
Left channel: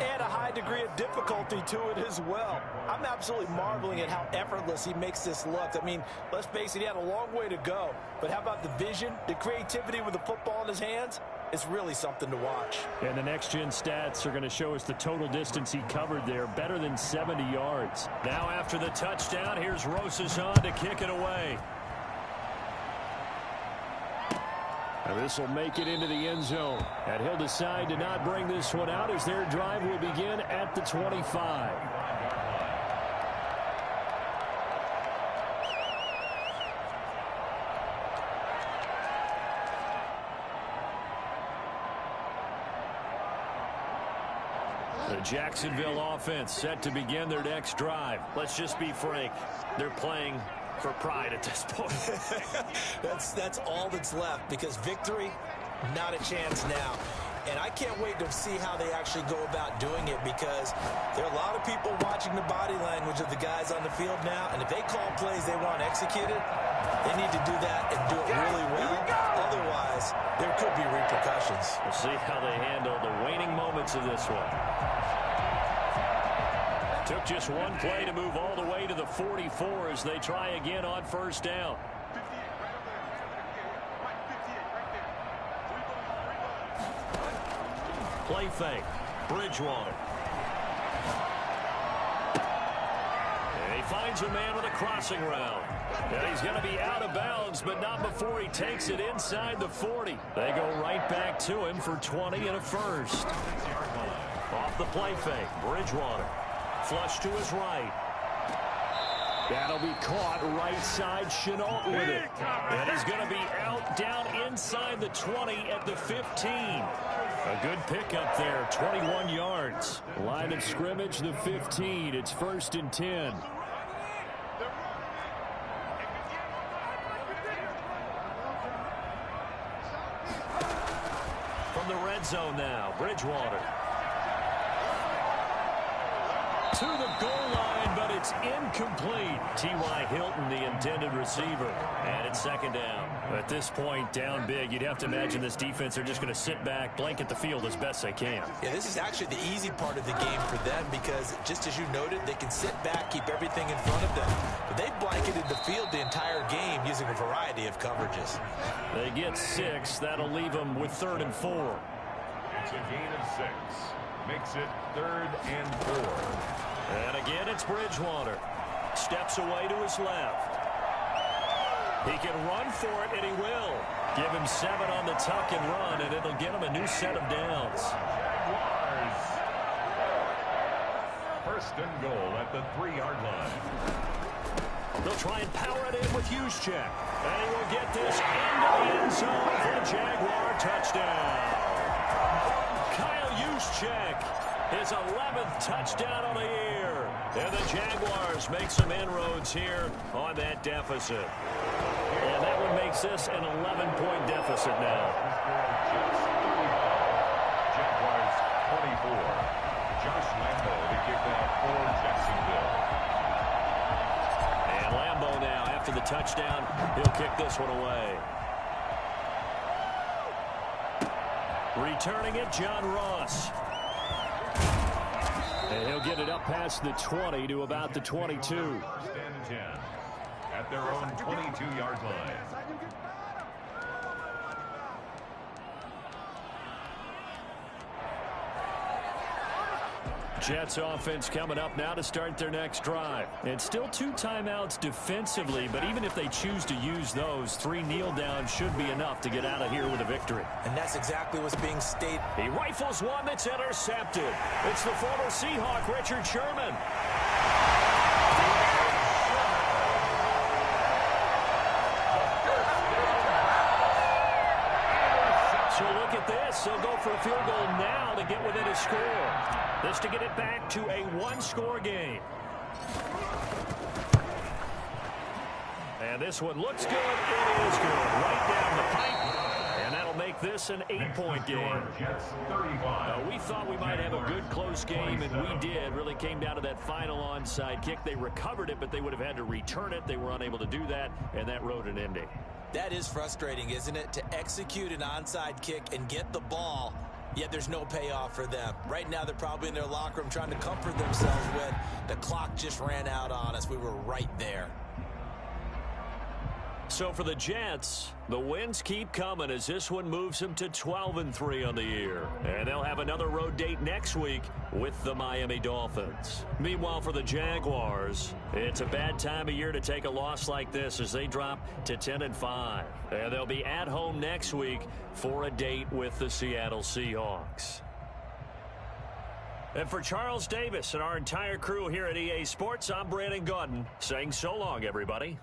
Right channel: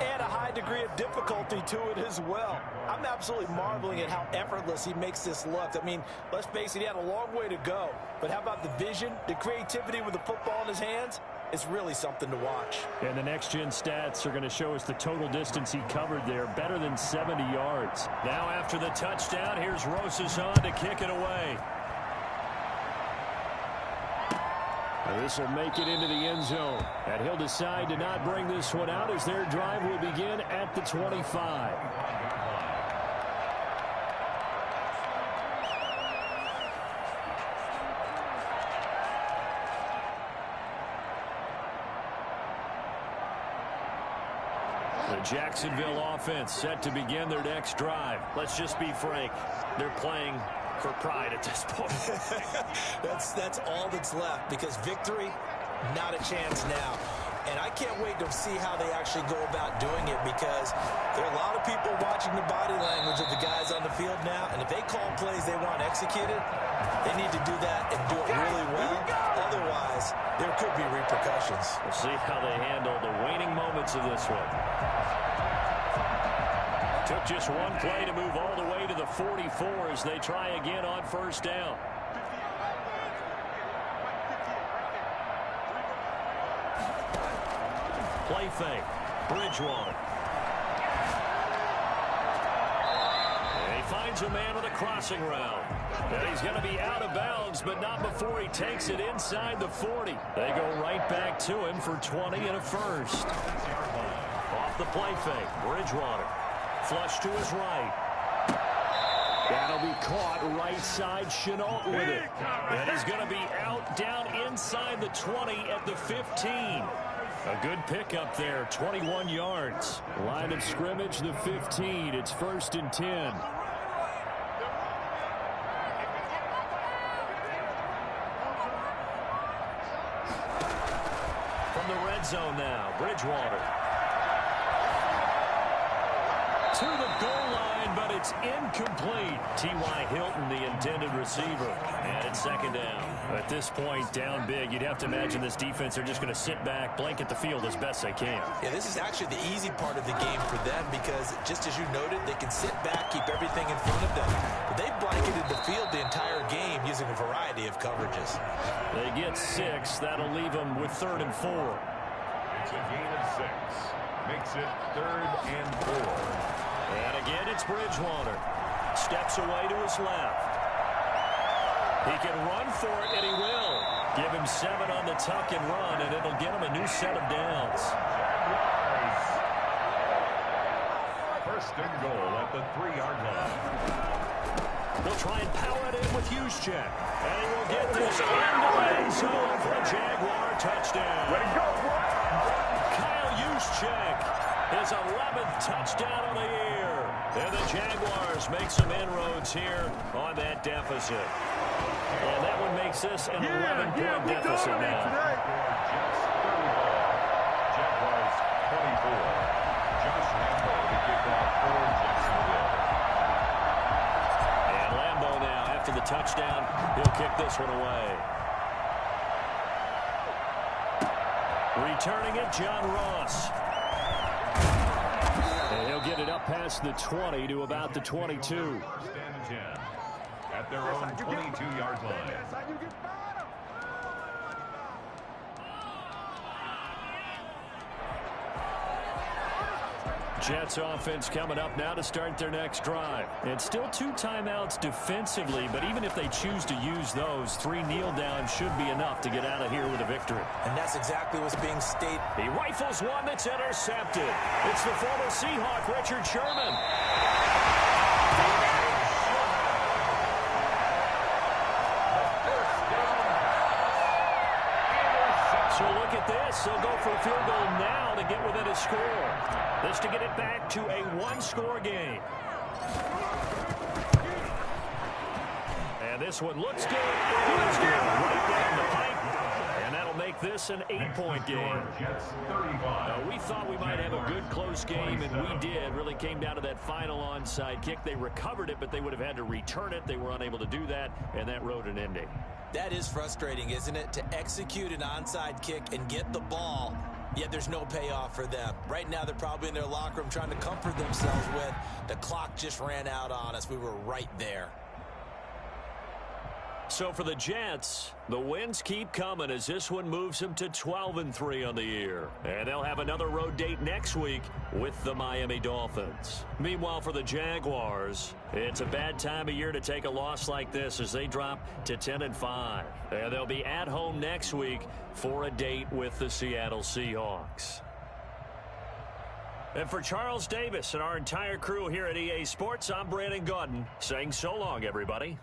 add a high degree of difficulty to it as well. I'm absolutely marveling at how effortless he makes this look. I mean, let's face it, he had a long way to go. But how about the vision, the creativity with the football in his hands? It's really something to watch. And the next-gen stats are going to show us the total distance he covered there, better than 70 yards. Now after the touchdown, here's Rosas on to kick it away. And this will make it into the end zone. And he'll decide to not bring this one out as their drive will begin at the 25. The Jacksonville offense set to begin their next drive. Let's just be frank. They're playing for pride at this point. That's all that's left, because victory, not a chance now. And I can't wait to see how they actually go about doing it, because there are a lot of people watching the body language of the guys on the field now, and if they call plays they want executed, they need to do that and do it really well. Otherwise, there could be repercussions. We'll see how they handle the waning moments of this one. Took just one play to move all the way to the 44 as they try again on first down. Play fake. Bridgewater. And he finds a man with a crossing route. And he's going to be out of bounds, but not before he takes it inside the 40. They go right back to him for 20 and a first. Off the play fake. Bridgewater. Flush to his right. That'll be caught right side. Chenault with it. And he's going to be out down inside the 20 at the 15. A good pickup there, 21 yards. Line of scrimmage, the 15. It's 1st and 10. From the red zone now, Bridgewater. To the goal line, but it's incomplete. T.Y. Hilton, the intended receiver. And it's 2nd down. At this point, down big, you'd have to imagine this defense are just going to sit back, blanket the field as best they can. Yeah, this is actually the easy part of the game for them, because just as you noted, they can sit back, keep everything in front of them. But they've blanketed the field the entire game using a variety of coverages. They get 6. That'll leave them with 3rd and 4. It's a gain of 6. Makes it 3rd and 4. And again, it's Bridgewater. Steps away to his left. He can run for it, and he will. Give him 7 on the tuck and run, and it'll get him a new set of downs. Jaguars. 1st and goal at the 3-yard line. They'll try and power it in with Juszczyk. And he will get this into the end zone for a Jaguar touchdown. Kyle Juszczyk. His 11th touchdown of the year. And the Jaguars make some inroads here on that deficit. And that one makes this an 11-point deficit now. Jets 35. Jaguars 24. Josh Lambo to kick off for Jacksonville. And Lambo now, after the touchdown, he'll kick this one away. Returning it, John Ross. And he'll get it up past the 20 to about the 22. 1st and 10 at their own 22-yard line. Jets offense coming up now to start their next drive. And still 2 timeouts defensively, but even if they choose to use those, 3 kneel downs should be enough to get out of here with a victory. And that's exactly what's being stated. He rifles one that's intercepted. It's the former Seahawk, Richard Sherman. So look at this. He'll go for a field goal now to get within a score. This to get it back to a 1-score game. And this one looks good. It is good. Right down the pipe. And that'll make this an 8-point game. Jets 35. We thought we might have a good close game, and we did. Really came down to that final onside kick. They recovered it, but they would have had to return it. They were unable to do that, and that wrote an ending. That is frustrating, isn't it? To execute an onside kick and get the ball, yet there's no payoff for them. Right now, they're probably in their locker room trying to comfort themselves with, the clock just ran out on us. We were right there. So for the Jets, the wins keep coming as this one moves them to 12-3 on the year. And they'll have another road date next week with the Miami Dolphins. Meanwhile, for the Jaguars, it's a bad time of year to take a loss like this as they drop to 10-5. And they'll be at home next week for a date with the Seattle Seahawks. And for Charles Davis and our entire crew here at EA Sports, I'm Brandon Gaudin saying so long, everybody.